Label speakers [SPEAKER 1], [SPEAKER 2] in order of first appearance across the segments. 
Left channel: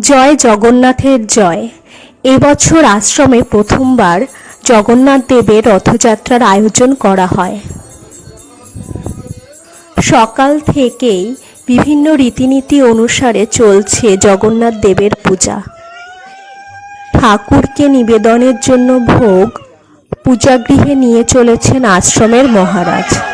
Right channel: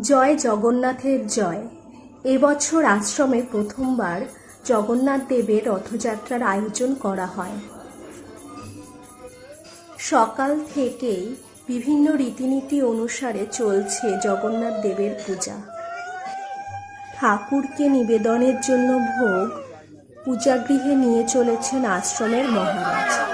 [SPEAKER 1] জয় জগন্নাথের জয়। এবছর আশ্রমে প্রথমবার জগন্নাথ দেবের রথযাত্রার আয়োজন করা হয়। সকাল থেকেই বিভিন্ন রীতিনীতি অনুসারে চলছে জগন্নাথ দেবের পূজা। ঠাকুরকে নিবেদনের জন্য ভোগ পূজাগৃহে নিয়ে চলেছেন আশ্রমের মহারাজ।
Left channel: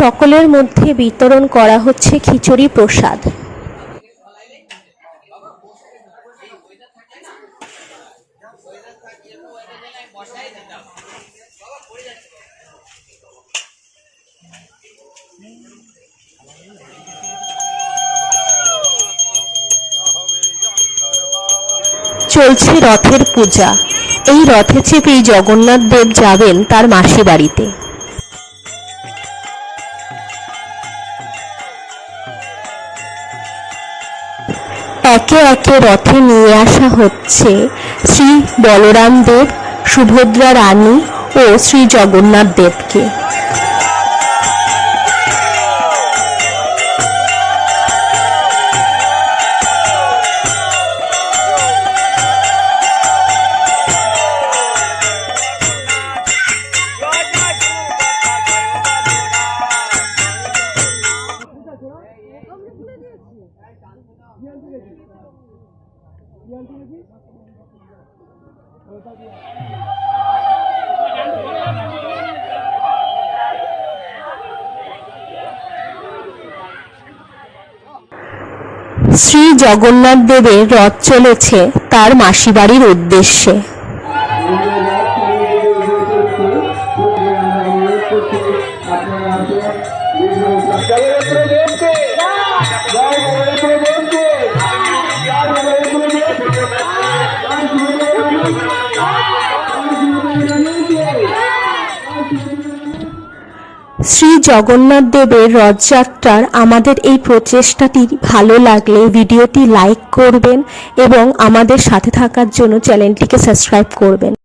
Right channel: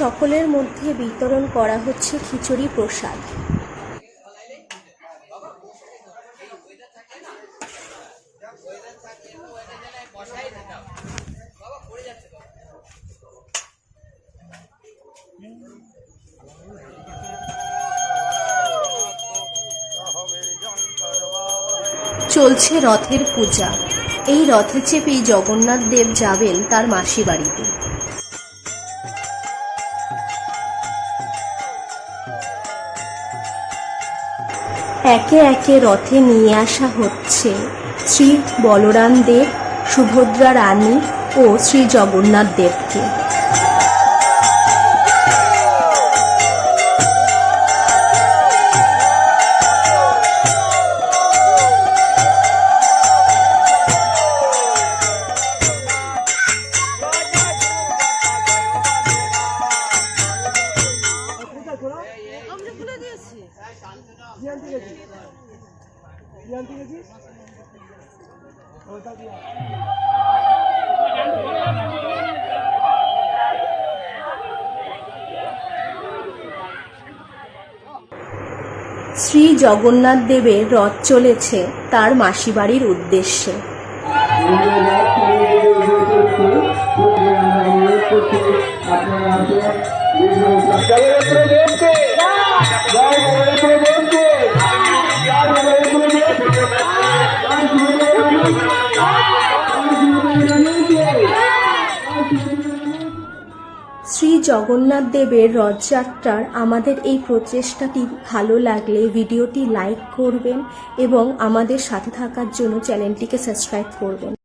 [SPEAKER 1] সকলের মধ্যে বিতরণ করা হচ্ছে খিচুড়ি প্রসাদ। চলছে রথের পূজা। এই রথে চেপেই জগন্নাথ দেব যাবেন তার মাসি বাড়িতে। একে একে রথে নিয়ে আসা হচ্ছে। শ্রী বলরাম দেব সুভদ্রা রানী ও শ্রী জগন্নাথ দেবকে শ্রী জগন্নাথ দেবের রথ চলেছে তার মাসি বাড়ির উদ্দেশ্যে শ্রী জগন্নাথ দেবের রথযাত্রার আমাদের এই প্রচেষ্টাটি ভালো লাগলে ভিডিওটি লাইক করবেন এবং আমাদের সাথে থাকার জন্য চ্যানেলটিকে সাবস্ক্রাইব করবেন।